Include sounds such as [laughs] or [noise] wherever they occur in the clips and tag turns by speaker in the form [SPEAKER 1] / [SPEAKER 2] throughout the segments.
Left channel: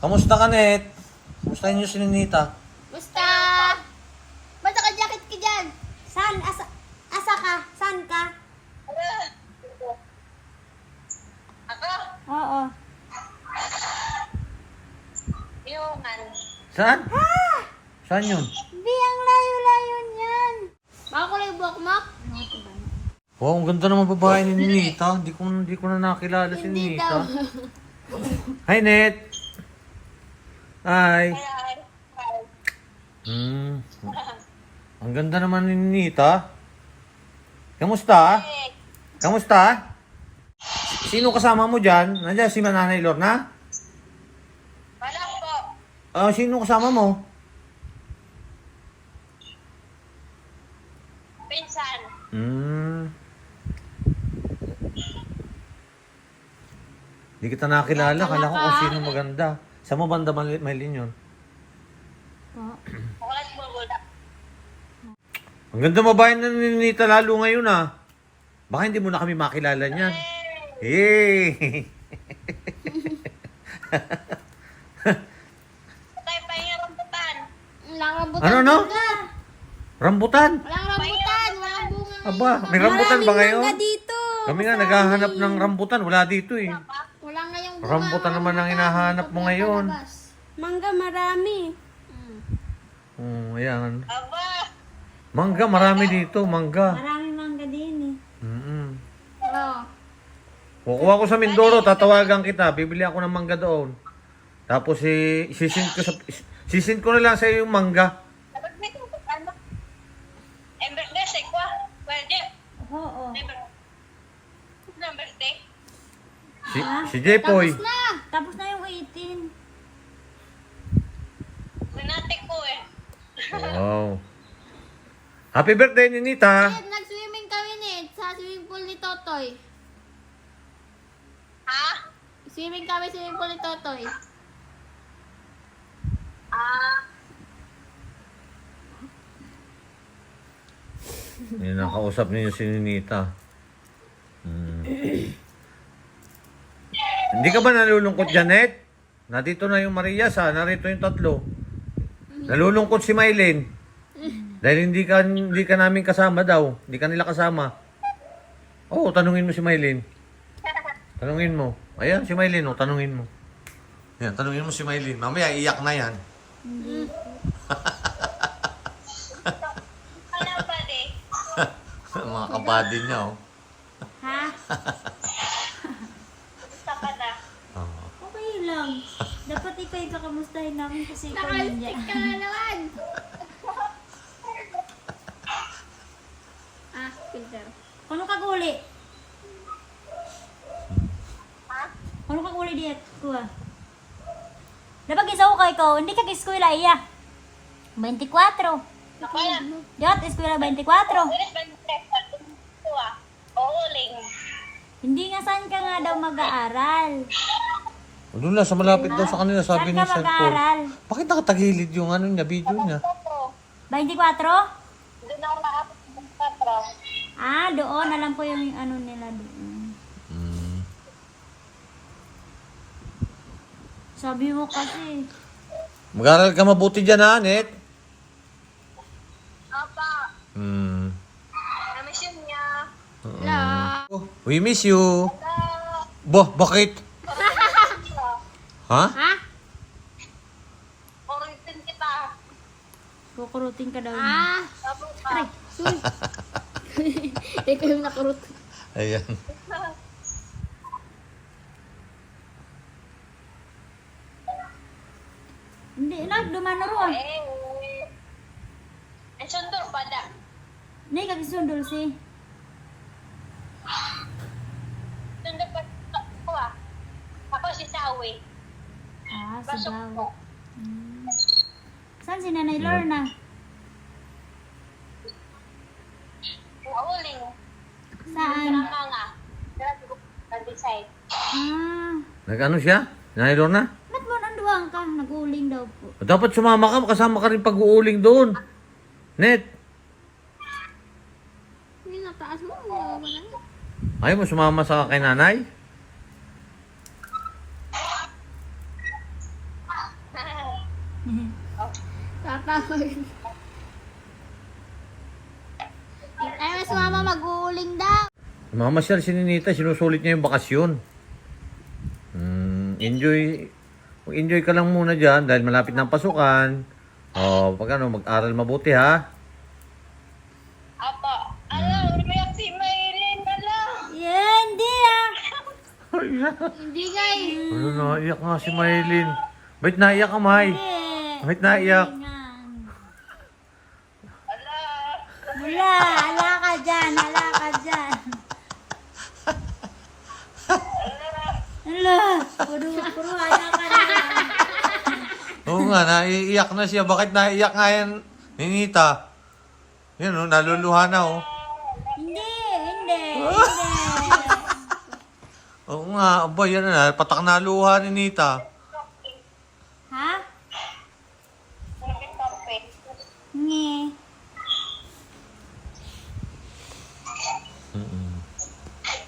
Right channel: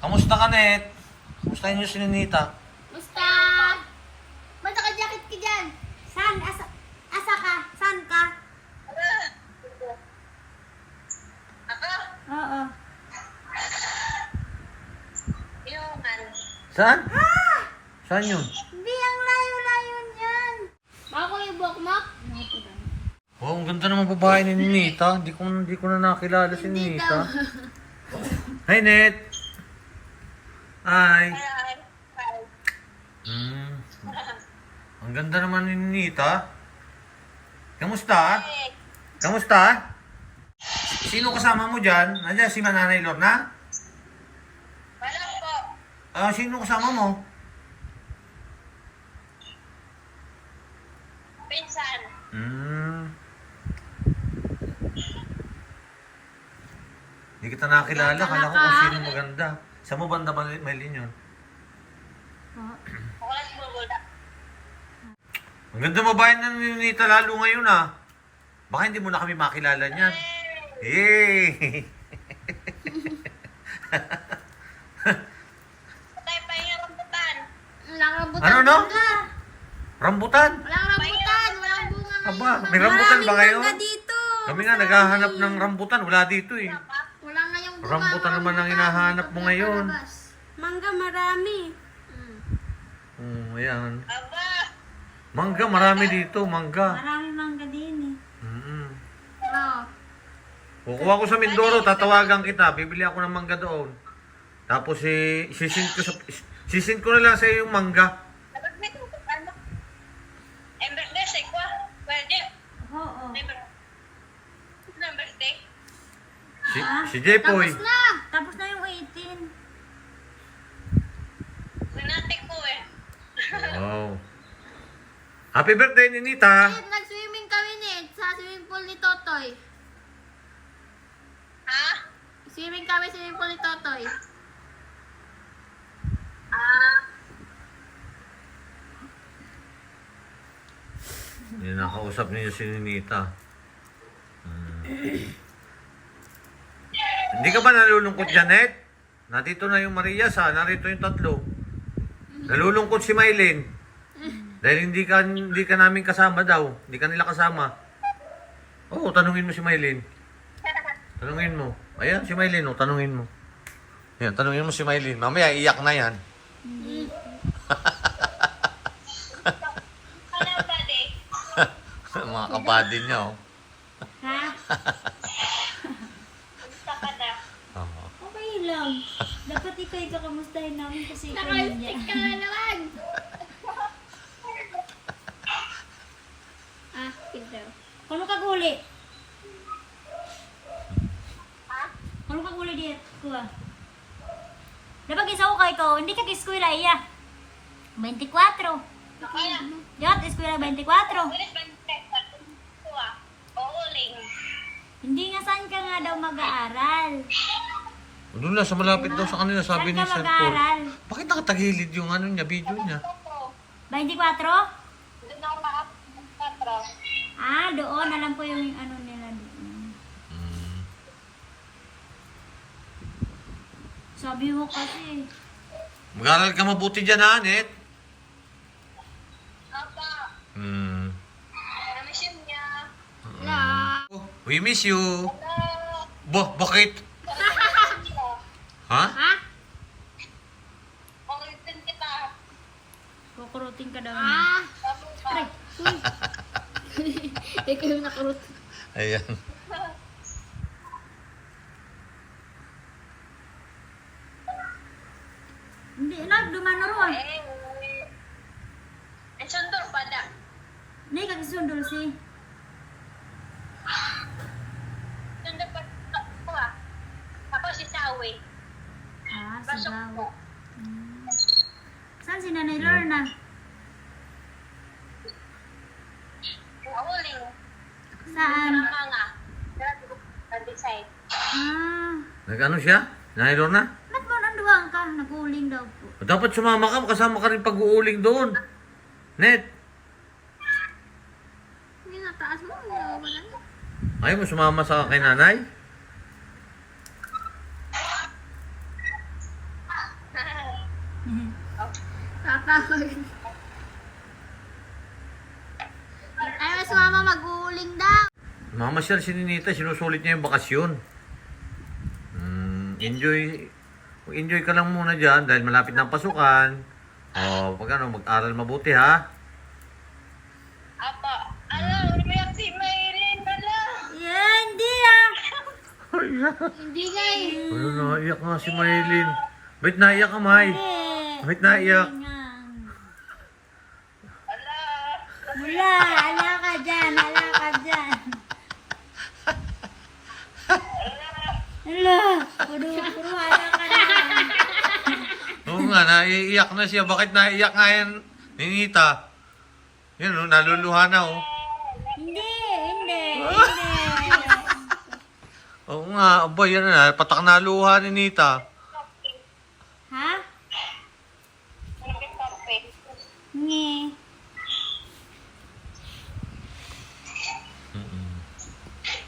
[SPEAKER 1] Kamusta ka, Net? Kamusta niyo si Ninita?
[SPEAKER 2] Basta! Ba't naka-jacket ka dyan? Saan? Asa, asa ka? Saan ka?
[SPEAKER 3] Ako,
[SPEAKER 2] Oo.
[SPEAKER 3] iungan.
[SPEAKER 1] Saan? Saan yun?
[SPEAKER 2] Hindi, ang layo-layo niyan. Baka ko lang buhok mo?
[SPEAKER 1] Wow, ang ganda naman babae ni Ninita. Hindi ko, hindi ko na nakilala si Ninita. Hi, Net! Hi!
[SPEAKER 3] Ay,
[SPEAKER 1] Hmm. [laughs] Ang ganda naman ni Ninita. Kamusta?
[SPEAKER 3] ay,
[SPEAKER 1] Kamusta? Sino kasama mo dyan? Nandiyan si Mananay Lorna?
[SPEAKER 3] wala po.
[SPEAKER 1] Ah, sino kasama mo?
[SPEAKER 3] Pinsan.
[SPEAKER 1] Hmm. Hindi kita nakilala. Kala ko kung sino maganda. Sa mo banda Mal- Maylin yun?
[SPEAKER 3] Ulat mo, wala.
[SPEAKER 1] Ang ganda mabayan na ni Ninita lalo ngayon ah. Baka hindi mo na kami makilala niyan. Hey! [laughs]
[SPEAKER 3] Tayo pa yung rambutan.
[SPEAKER 2] Walang rambutan
[SPEAKER 1] Ano, ano?
[SPEAKER 2] bunga.
[SPEAKER 1] Rambutan!
[SPEAKER 2] Walang rambutan. Walang bunga
[SPEAKER 1] Aba, may rambutan ba ngayon?
[SPEAKER 2] Maraming bunga dito.
[SPEAKER 1] Kami nga naghahanap ng rambutan. Wala dito eh.
[SPEAKER 2] Wala ngayong bunga.
[SPEAKER 1] Rambutan naman ang hinahanap mo ngayon.
[SPEAKER 2] Mangga marami.
[SPEAKER 1] Oh, ayan.
[SPEAKER 3] Aba,
[SPEAKER 1] Mangga, marami dito. Mangga.
[SPEAKER 2] Marami mangga din eh.
[SPEAKER 1] Mm-mm.
[SPEAKER 2] Oo.
[SPEAKER 1] Kukuha ko sa Mindoro, tatawagan kita. Bibili ako ng mangga doon. Tapos eh, sisin ko sa sisin ko na lang sa iyo yung mangga.
[SPEAKER 3] dapat may ano? Ang birthday, say ko. Pwede.
[SPEAKER 2] Oo.
[SPEAKER 3] May birthday. Ano ang birthday?
[SPEAKER 1] Si, si Jepoy.
[SPEAKER 2] Tapos na. Tapos na yung 18.
[SPEAKER 3] Nanate ko eh.
[SPEAKER 1] Wow. Happy birthday, Ninita.
[SPEAKER 2] Eh, nag-swimming kami ni sa swimming pool ni Totoy.
[SPEAKER 3] Ha?
[SPEAKER 2] Swimming kami sa swimming pool ni Totoy.
[SPEAKER 3] Ah,
[SPEAKER 1] Hindi nakausap niyo si Ninita. Hindi ka ba nalulungkot, Janet? Nandito na yung Maria sa, narito yung tatlo. Nalulungkot si Maylin. Dahil hindi ka hindi ka namin kasama daw. Hindi ka nila kasama. Oo, tanungin mo si Maylin. Tanungin mo. Ayan, si Maylin, oh, tanungin mo. Ayan, tanungin mo si Maylin. Mamaya, iyak na yan.
[SPEAKER 3] de? [laughs]
[SPEAKER 1] Mga kabady niya, oh.
[SPEAKER 2] Ha? [laughs]
[SPEAKER 3] Gusto ka na.
[SPEAKER 1] Oo.
[SPEAKER 4] Okay lang. Dapat ikaw yung kakamustahin namin kasi ikaw hindi.
[SPEAKER 2] Nakalistik ka na naman. [laughs] ah, filter.
[SPEAKER 4] Kano ka guli?
[SPEAKER 3] Ha?
[SPEAKER 4] Kano ka guli diet? Kuha. Dapat isa ko kay ikaw. Hindi ka eskwela iya. 24.
[SPEAKER 3] Nakaya.
[SPEAKER 4] Diyot, eskwela 24.
[SPEAKER 3] Ulit ba yung text? Ito ah. Uuling.
[SPEAKER 4] Hindi nga saan ka nga daw mag-aaral.
[SPEAKER 1] Doon na, sa malapit daw sa kanila, sabi ni Sir Paul. Bakit nakatagilid yung ano niya, video niya?
[SPEAKER 3] Ito.
[SPEAKER 4] 24?
[SPEAKER 3] Doon ako nakapit ng.
[SPEAKER 4] Ah, doon. Alam ko yung ano nila doon.
[SPEAKER 1] Mm.
[SPEAKER 4] Sabi mo kasi.
[SPEAKER 1] Mag-aral ka mabuti dyan, ha, Net?
[SPEAKER 3] Apa.
[SPEAKER 1] Hmm.
[SPEAKER 3] Namiss yun niya.
[SPEAKER 1] Oh, we miss you.
[SPEAKER 3] Hello.
[SPEAKER 1] Bah, bakit? Ha?
[SPEAKER 2] Ha?
[SPEAKER 3] Orientin kita.
[SPEAKER 4] Kukurutin ka daw.
[SPEAKER 2] Ah.
[SPEAKER 3] Tapos [laughs] pa.
[SPEAKER 2] Ikaw yung nakurot.
[SPEAKER 1] Ayan.
[SPEAKER 4] Hindi na, dumano ron.
[SPEAKER 3] Eh. Ang sundo pa da.
[SPEAKER 4] Hindi ka kisundol si.
[SPEAKER 3] Sundo pa ako ah. Ako si Sawi.
[SPEAKER 4] Ah, si
[SPEAKER 3] Pasok po.
[SPEAKER 4] Hmm. Saan si Nanay Lorna?
[SPEAKER 3] Uuling.
[SPEAKER 4] Saan?
[SPEAKER 3] Tama nga. Nag-decide.
[SPEAKER 4] Ah,
[SPEAKER 1] Nag-ano siya? Nailor na?
[SPEAKER 4] ba't mo nanduwang ka? Nag-uuling daw po.
[SPEAKER 1] Dapat sumama ka, kasama ka rin pag-uuling doon. Net,
[SPEAKER 2] Hindi na, taas mo. Wala na.
[SPEAKER 1] ayaw mo sumama sa kay nanay?
[SPEAKER 2] Tatawag. Ay, mas [laughs] mama mag-uuling daw.
[SPEAKER 1] Mamasyal si Ninita, sinusulit niya yung bakasyon. Mm, enjoy. Enjoy ka lang muna dyan dahil malapit na ang pasukan. O, pag ano, mag-aral mabuti ha.
[SPEAKER 3] Apo. Ala, umiyak si Maylin. Ala.
[SPEAKER 4] Yeah, hindi ah.
[SPEAKER 2] Hindi nga eh.
[SPEAKER 1] Ano na, iyak nga si Maylin. Ba't naiyak ka, May?
[SPEAKER 4] Hindi.
[SPEAKER 1] Ba't naiyak?
[SPEAKER 4] Hindi nga.
[SPEAKER 3] Ala.
[SPEAKER 4] Wala, ala ka dyan, ala ka dyan. Ala, puro, puro ala ka dyan.
[SPEAKER 1] Oo nga, naiiyak na siya. Bakit naiiyak nga yan, Ninita? Yun, oh, naluluha na, oh.
[SPEAKER 4] Hindi, hindi, hindi. [laughs]
[SPEAKER 1] Oo nga, aba, yan na. Patak na luha ni Nita.
[SPEAKER 4] Ha?
[SPEAKER 3] Kape.
[SPEAKER 4] Nge.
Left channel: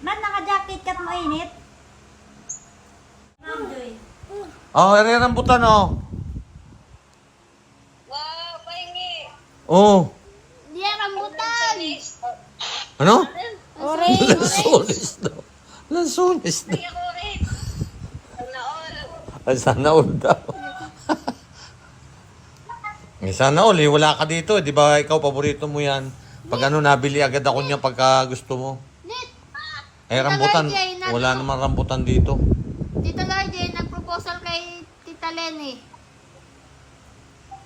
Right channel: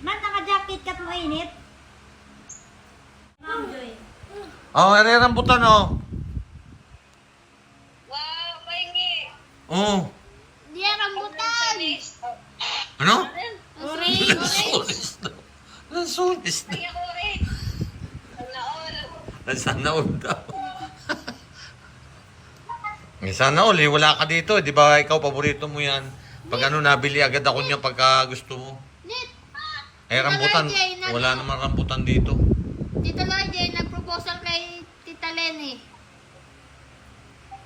[SPEAKER 4] Ba't naka-jacket ka mainit? Ma'am Joy.
[SPEAKER 1] Oh, ere rambutan, oh.
[SPEAKER 3] Wow, pahingi.
[SPEAKER 1] Oh.
[SPEAKER 2] Yan rambutan.
[SPEAKER 1] Ano?
[SPEAKER 2] Orange.
[SPEAKER 1] Lansones daw. Lansones daw.
[SPEAKER 3] Pahingi ako rin. Sana all.
[SPEAKER 1] Ay, sana all daw. Eh, sana all, eh. Wala ka dito. Di ba ikaw, paborito mo yan. Pag ano, nabili agad ako niya pagka gusto mo.
[SPEAKER 2] Nit.
[SPEAKER 1] Eh, rambutan. Wala naman rambutan dito.
[SPEAKER 2] Tita Larjay, nag-proposal kay Tita Lenny.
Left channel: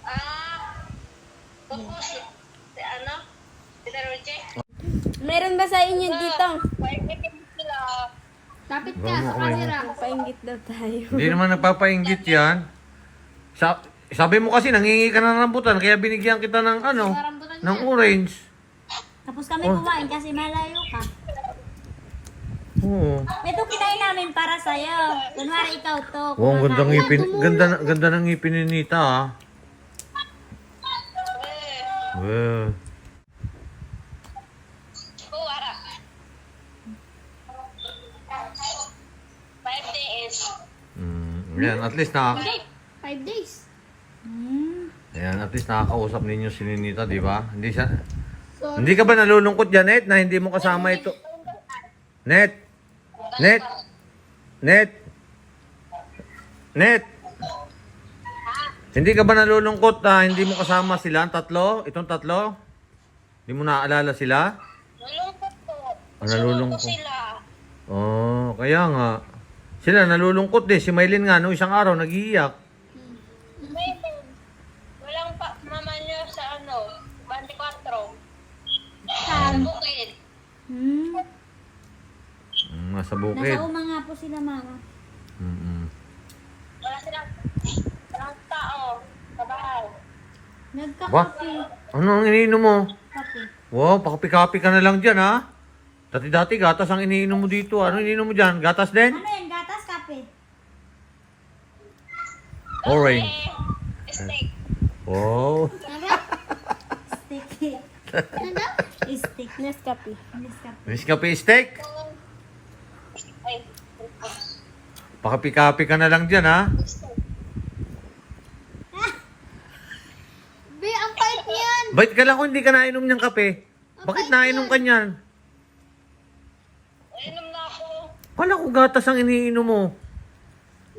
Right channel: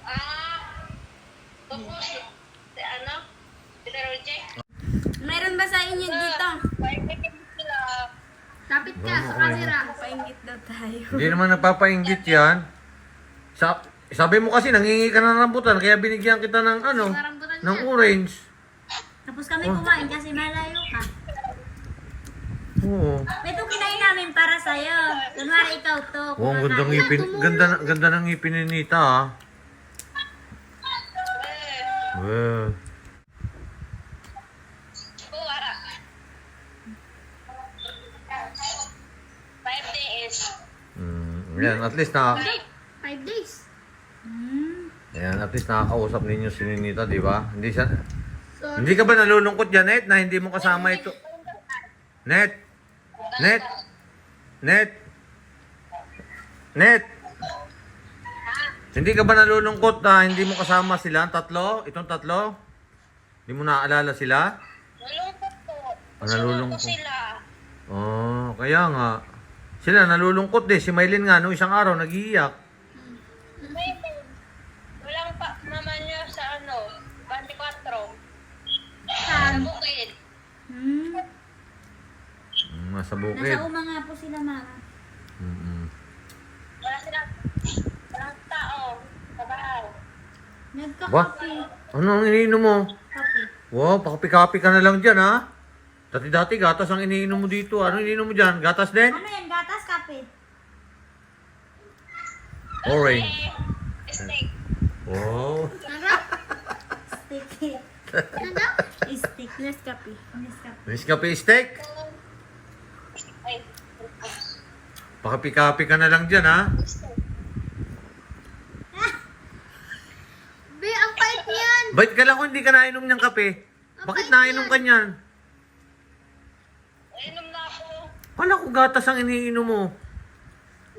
[SPEAKER 3] Ah. Tapos, si ano? Si Roche.
[SPEAKER 5] Mayroon ba sa inyo dito?
[SPEAKER 3] Pahingi sila.
[SPEAKER 2] Lapit ka sa camera.
[SPEAKER 5] Painggit daw tayo.
[SPEAKER 1] Hindi naman nagpapainggit yan. Sa, sabi mo kasi nangingi ka ng rambutan, kaya binigyan kita ng ano,
[SPEAKER 2] Rambutan
[SPEAKER 1] ng
[SPEAKER 2] niya.
[SPEAKER 1] orange.
[SPEAKER 4] Tapos kami kumain kasi malayo ka.
[SPEAKER 1] Oo.
[SPEAKER 4] Ito kinain namin para sa'yo. Kunwari ikaw to.
[SPEAKER 1] Oh, ang ganda ng
[SPEAKER 4] kumakain.
[SPEAKER 1] ngipin, ganda, ganda ng ngipin ni Nita, ah. Eh.
[SPEAKER 3] Kuwara. Five days.
[SPEAKER 1] Mm, yan, at least na,
[SPEAKER 3] Five.
[SPEAKER 2] Five days.
[SPEAKER 4] Hmm.
[SPEAKER 1] yan, at least nakakausap ninyo si Ninita, di ba? Hindi siya,
[SPEAKER 2] Sorry.
[SPEAKER 1] hindi ka ba nalulungkot, Janet, na hindi mo kasama ito? Net! Net! Net! Net! Hindi ka ba nalulungkot na hindi mo kasama sila, ang tatlo? Itong tatlo? Hindi mo naaalala sila?
[SPEAKER 3] Nalungkot po.
[SPEAKER 1] Ah, nalulungkot.
[SPEAKER 3] ko sila.
[SPEAKER 1] Oh, kaya nga. Sila nalulungkot din. Si Maylin nga, nung isang araw, nag-iiyak.
[SPEAKER 3] Maybe. Walang pa mama niyo sa ano, 24. Sa bukid.
[SPEAKER 4] Hmm.
[SPEAKER 1] Mm, nasa
[SPEAKER 4] Nasa
[SPEAKER 1] bukid.
[SPEAKER 4] uma nga po sila mama.
[SPEAKER 1] Mm-mm.
[SPEAKER 3] Wala silang, walang tao sa bahay.
[SPEAKER 4] Nagkakape.
[SPEAKER 1] Ano ang iniinom mo?
[SPEAKER 4] Kape.
[SPEAKER 1] Wow, pakapi-kapi ka na lang dyan, ha? Dati-dati, gatas ang iniinom mo dito. Ano iniinom mo dyan? Gatas din?
[SPEAKER 4] Ano yan? Gatas kape.
[SPEAKER 1] Orange.
[SPEAKER 3] Eh, steak.
[SPEAKER 1] Wow. [laughs]
[SPEAKER 4] Sticky.
[SPEAKER 2] Ano?
[SPEAKER 4] Stick.
[SPEAKER 5] Nescafe.
[SPEAKER 4] Nescafe.
[SPEAKER 1] Nescafe steak. Pakapi-kapi ka na lang dyan, ha?
[SPEAKER 2] Be, ang pait niyan.
[SPEAKER 1] Bait ka lang kung hindi ka nainom ng kape. Bakit nainom ka niyan?
[SPEAKER 3] inom na ako.
[SPEAKER 1] Wala ko gatas ang iniinom mo.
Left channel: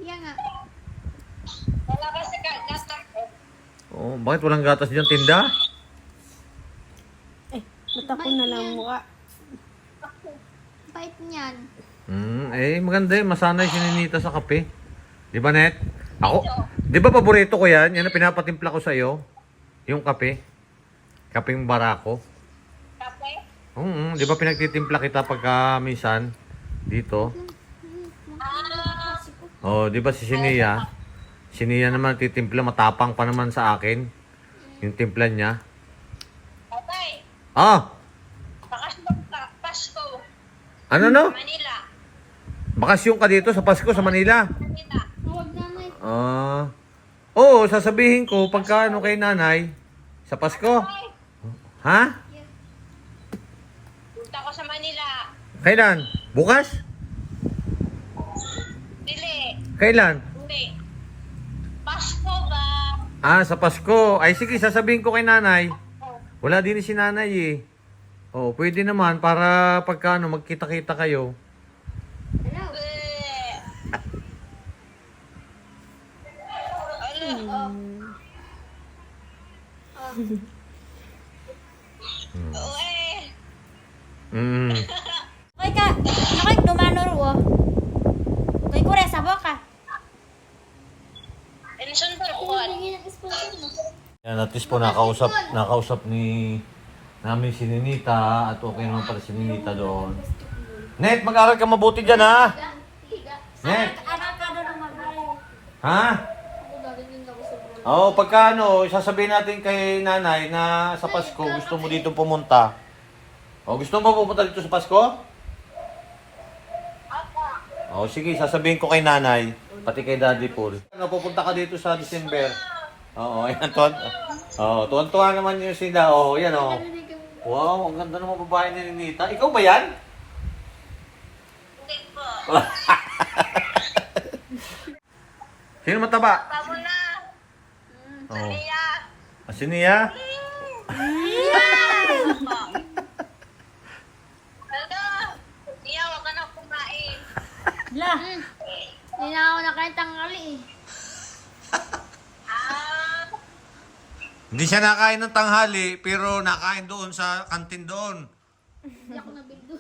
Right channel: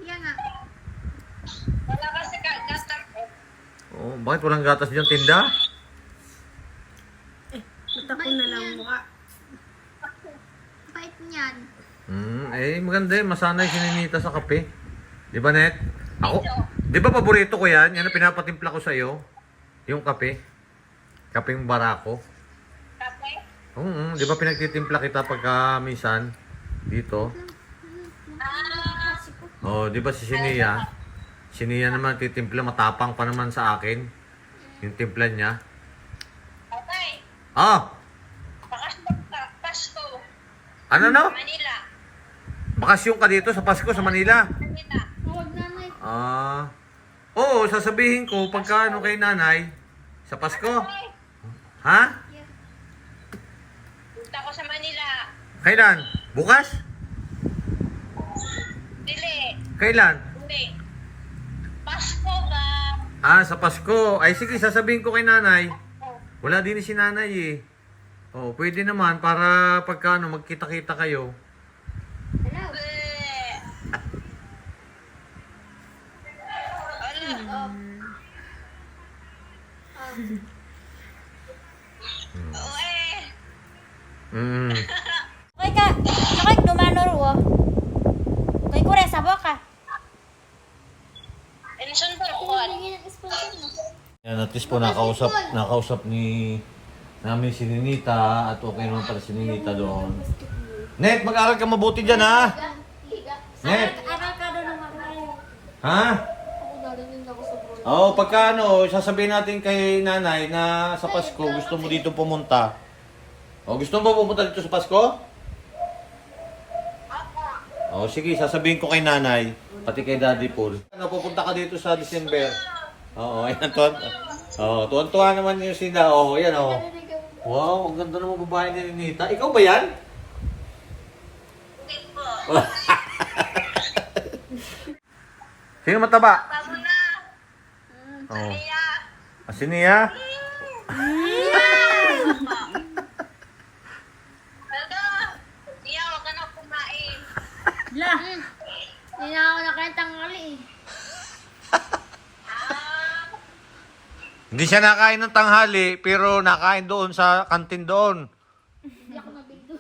[SPEAKER 2] Yan nga.
[SPEAKER 3] Wala kasi ka, gatak eh.
[SPEAKER 1] Oh, bakit walang gatas dyan, tinda?
[SPEAKER 5] Eh, mata ko na lang mukha.
[SPEAKER 2] Pait niyan.
[SPEAKER 1] Hmm, eh, maganda eh. Masanay si Ninita sa kape. Di ba, Net? Ako, di ba paborito ko yan? Yan ang pinapatimpla ko sa iyo. Yung kape. Kapeng barako.
[SPEAKER 3] Kape.
[SPEAKER 1] Oo, di ba pinagtitimpla kita pagka minsan dito?
[SPEAKER 3] Ah,
[SPEAKER 1] Oh, di ba si Sinia? Sinia naman titimpla, matapang pa naman sa akin. Yung timpla niya.
[SPEAKER 3] patay.
[SPEAKER 1] Ah,
[SPEAKER 3] Pasko.
[SPEAKER 1] ano no?
[SPEAKER 3] Manila.
[SPEAKER 1] Bakasyon ka dito sa Pasko sa Manila.
[SPEAKER 3] Manila.
[SPEAKER 2] Huwag nanay.
[SPEAKER 1] Ah. Oo, sasabihin ko pagka ano kay nanay sa Pasko. Ha?
[SPEAKER 3] punta ko sa Manila.
[SPEAKER 1] Kailan? Bukas?
[SPEAKER 3] Dili.
[SPEAKER 1] Kailan?
[SPEAKER 3] Hindi. Pasko ba?
[SPEAKER 1] Ah, sa Pasko. Ay, sige, sasabihin ko kay nanay. Wala din si nanay eh. Oh, pwede naman para pagka ano, magkita-kita kayo.
[SPEAKER 2] Hello.
[SPEAKER 3] Eh. Ano? Oo eh.
[SPEAKER 1] Mm.
[SPEAKER 4] Okay ka, nakay dumanor wo. Kay kure sa boka.
[SPEAKER 3] Insundor ko.
[SPEAKER 2] Hindi ng sponsor mo.
[SPEAKER 1] Yan, at least po nakausap, nakausap ni namin si Ninita at okay naman pala si Ninita doon. Net, mag-aral ka mabuti dyan ha? Net,
[SPEAKER 4] Aral ka doon ng magaling.
[SPEAKER 1] ha? Oo, oh, pagka ano, sasabihin natin kay nanay na sa Pasko gusto mo dito pumunta. O, gusto mo pumunta dito sa Pasko? O, sige, sasabihin ko kay nanay, pati kay Daddy Paul. Ano, pupunta ka dito sa December. Oo, [laughs] ayan, tuwan. Oo, tuwan-tuwa naman yung sila. Oo, yan o. Wow, ang ganda naman babae ni Nita. Ikaw ba yan?
[SPEAKER 3] Hindi po. [laughs]
[SPEAKER 1] Sino mataba?
[SPEAKER 3] Tamo na.
[SPEAKER 1] Oo.
[SPEAKER 3] Niya.
[SPEAKER 1] Ah, si Nia? [laughs]
[SPEAKER 3] Hello. Niya, wag ka na kumain.
[SPEAKER 4] La.
[SPEAKER 2] Hindi na ako nakain tangali eh.
[SPEAKER 1] Hindi siya nakain ng tanghali, pero nakain doon sa kantin doon.
[SPEAKER 2] Hindi ako nabildo.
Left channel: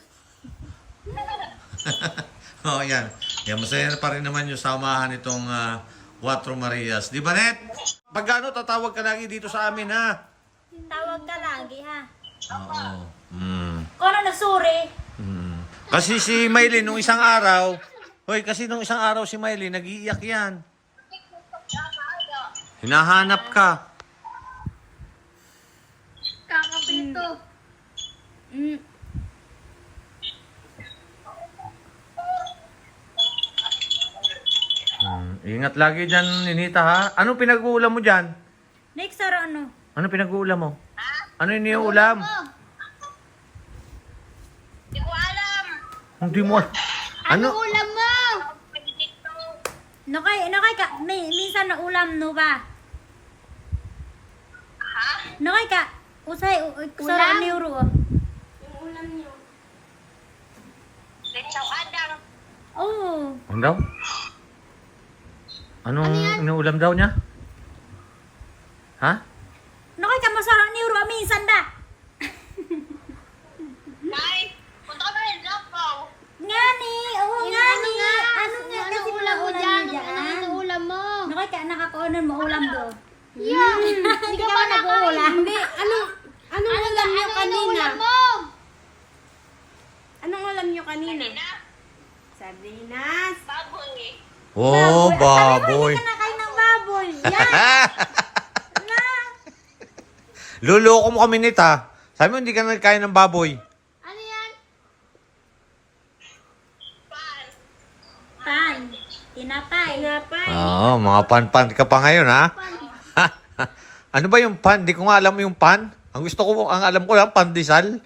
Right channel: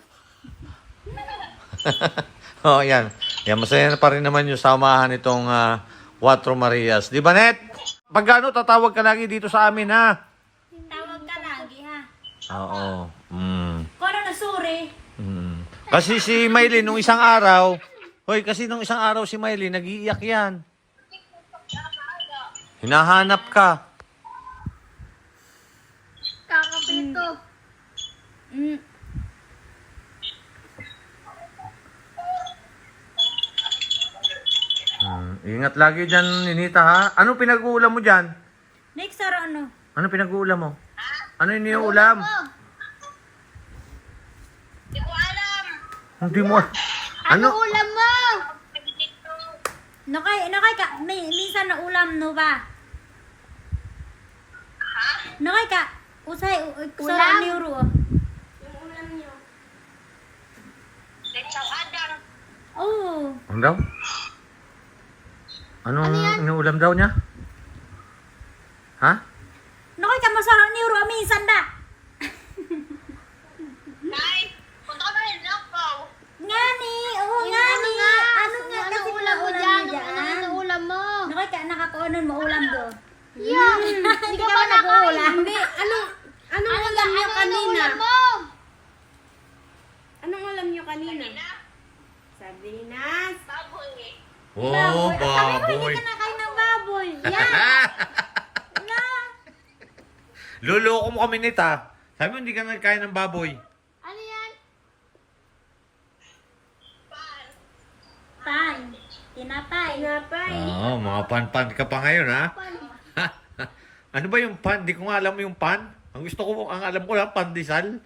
[SPEAKER 2] [laughs]
[SPEAKER 1] oh, yan. Yan, masaya na pa rin naman yung samahan itong ah, Cuatro Marias. Di ba, Net? Pag ano, tatawag ka lagi dito sa amin, ha?
[SPEAKER 4] Tawag ka lagi ha.
[SPEAKER 1] Oo. Mm.
[SPEAKER 4] Kung ano na suri.
[SPEAKER 1] Mm. Kasi si Maylin, nung isang araw, hoy, kasi nung isang araw si Maylin, nag-iiyak yan. Hinahanap ka.
[SPEAKER 2] Kakapito.
[SPEAKER 4] Mm.
[SPEAKER 1] Mm. Ingat lagi dyan, Ninita, ha? Anong pinag-uulam mo dyan?
[SPEAKER 4] Next araw ano?
[SPEAKER 1] Ano pinag-uulam mo? Ano yung iniulam?
[SPEAKER 3] Hindi ko alam.
[SPEAKER 1] Hindi mo.
[SPEAKER 2] Ano
[SPEAKER 1] Ano?
[SPEAKER 2] ulam.
[SPEAKER 4] Nakay, nakay ka, may, minsan na ulam no ba?
[SPEAKER 3] Ha?
[SPEAKER 4] Nakay ka, usay, u-
[SPEAKER 2] Ulam?
[SPEAKER 4] sa neuro.
[SPEAKER 2] Yung ulam niyo.
[SPEAKER 3] Letsaw adang.
[SPEAKER 4] Oh.
[SPEAKER 1] Ano daw? Anong inuulam daw niya? Ha?
[SPEAKER 4] Nakay ka masarang neuro, minsan da.
[SPEAKER 3] Nay, punta ko na rin lakaw.
[SPEAKER 4] Ngani, oo
[SPEAKER 2] Yung
[SPEAKER 4] ngani. Ano
[SPEAKER 2] Ano ulam mo
[SPEAKER 4] ulam
[SPEAKER 2] dyan? Ano ano ulam mo?
[SPEAKER 4] Nakay ka, nakakaunan mo ulam do.
[SPEAKER 2] Yeah.
[SPEAKER 4] Hindi ka ba nag-uulam?
[SPEAKER 5] Hindi, ano, anong alam niyo
[SPEAKER 2] Ano
[SPEAKER 5] kanina?
[SPEAKER 2] ulam mo?
[SPEAKER 5] Anong alam niyo kanina?
[SPEAKER 3] Na,
[SPEAKER 5] Sardinas.
[SPEAKER 3] baboy.
[SPEAKER 1] Oh,
[SPEAKER 4] Sabi mo,
[SPEAKER 1] baboy.
[SPEAKER 4] hindi ka nakain ng baboy. Yan. [laughs] Na.
[SPEAKER 1] Luloko mo kami nita. Sabi mo hindi ka nagkain ng baboy.
[SPEAKER 2] Ano yan?
[SPEAKER 3] Pan.
[SPEAKER 4] Pan. Tinapay.
[SPEAKER 5] Tinapay.
[SPEAKER 1] Oo, mga pan-pan ka pa ngayon, ha? [laughs] ano ba yung pan? Di ko nga alam yung pan. Ang gusto ko, ang alam ko lang, pandesal.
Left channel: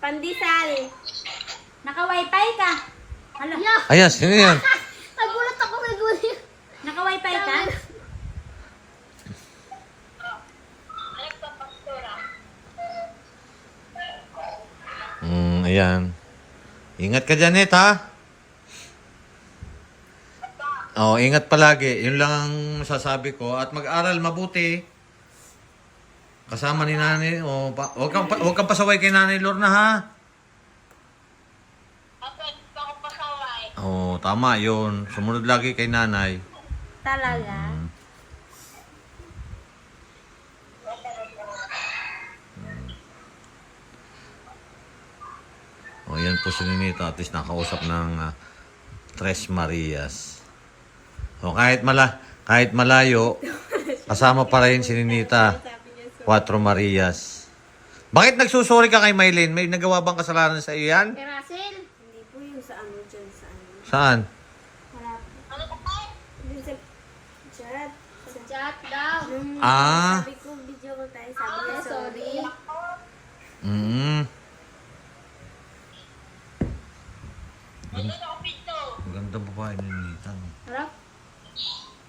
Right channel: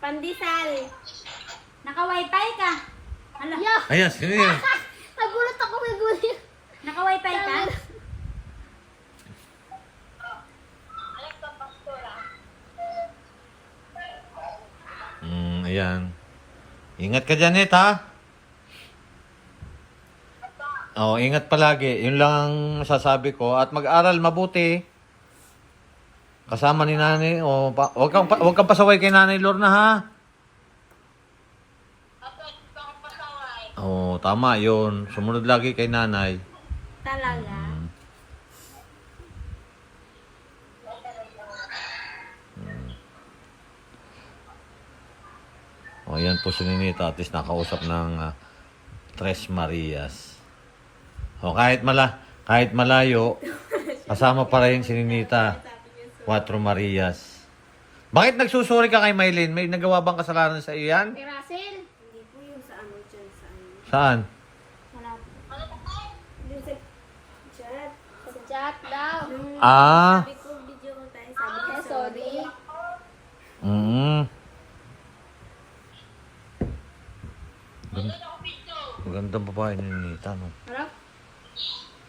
[SPEAKER 5] Pandesal.
[SPEAKER 4] Naka-wifi ka. Hala,
[SPEAKER 2] Yeah.
[SPEAKER 1] Ayan, sino yan? [laughs]
[SPEAKER 2] Nagulat ako nagulat.
[SPEAKER 4] naka-wifi ka?
[SPEAKER 3] Anak pa pastora.
[SPEAKER 1] Mm, ayan. Ingat ka dyan, Net, ha? Oo, ingat palagi. Yun lang ang masasabi ko. At mag-aral mabuti. Kasama ni nanay. O, pa, wag, kang, pa- wag kang pasaway kay nanay Lorna, ha? Oo, tama yun. Sumunod lagi kay nanay.
[SPEAKER 4] Talaga.
[SPEAKER 1] Mm. O, yan po si Ninita. At least nakausap ng ah, Tres Marias. O, kahit, mala, kahit malayo, kasama pa rin si Ninita. Cuatro Marias. Bakit nagsusuri ka kay Maylin? May nagawa bang kasalanan sa iyo yan?
[SPEAKER 2] Kay Russell.
[SPEAKER 5] Hindi po yung sa ano dyan sa ano.
[SPEAKER 1] Saan?
[SPEAKER 3] Ano ko po?
[SPEAKER 5] Dun sa chat.
[SPEAKER 2] Sa chat daw.
[SPEAKER 5] Nung
[SPEAKER 1] Ah.
[SPEAKER 5] sabi ko video ko tayo, sabi niya
[SPEAKER 2] Ah,
[SPEAKER 5] sorry.
[SPEAKER 1] Mm.
[SPEAKER 3] Ano dito?
[SPEAKER 1] Magandang babae ni Ninita, no?
[SPEAKER 2] Harap.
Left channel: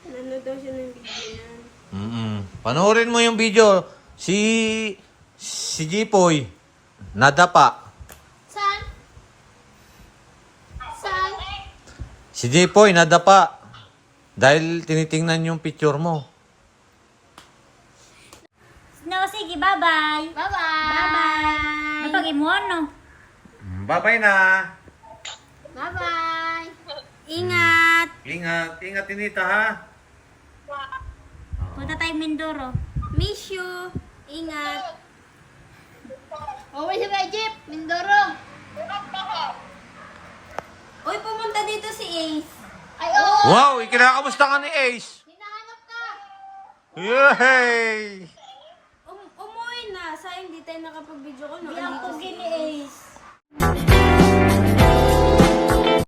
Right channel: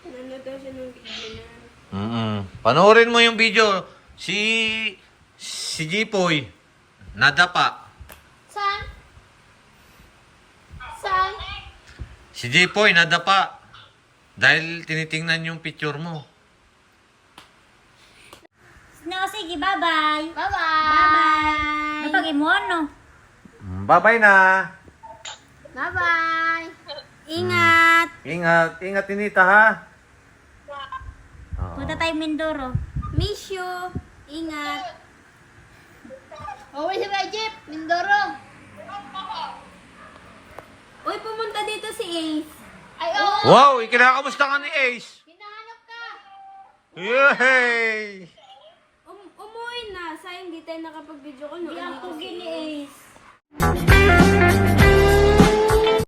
[SPEAKER 5] Nanood daw siya ng video niyan.
[SPEAKER 1] Mm Panoorin mo yung video. Si... Si Jipoy. Nadapa.
[SPEAKER 2] Saan? Saan?
[SPEAKER 1] Si Jipoy, nadapa. Dahil tinitingnan yung picture mo.
[SPEAKER 4] No, sige, bye-bye.
[SPEAKER 2] Bye-bye.
[SPEAKER 4] Bye-bye. Napag mo ano?
[SPEAKER 1] Mm, Bye-bye na.
[SPEAKER 2] Bye-bye. [laughs]
[SPEAKER 5] Ingat!
[SPEAKER 1] Ingat. Ingat, Tinita, ha?
[SPEAKER 4] Punta tayo Mindoro.
[SPEAKER 5] Miss you! Ingat!
[SPEAKER 2] Uwi si Jeep. Mindoro.
[SPEAKER 5] Uy, pumunta dito si Ace.
[SPEAKER 2] Ay, oo.
[SPEAKER 1] Wow, ikinakamusta ka ni Ace.
[SPEAKER 2] Hinahanap ka.
[SPEAKER 1] Yay!
[SPEAKER 5] Um, umuwi na. Sayang di tayo nakapag-video ko. No?
[SPEAKER 4] Di ang
[SPEAKER 5] Andito si
[SPEAKER 4] pugi ni
[SPEAKER 5] Ace.
[SPEAKER 4] Ace.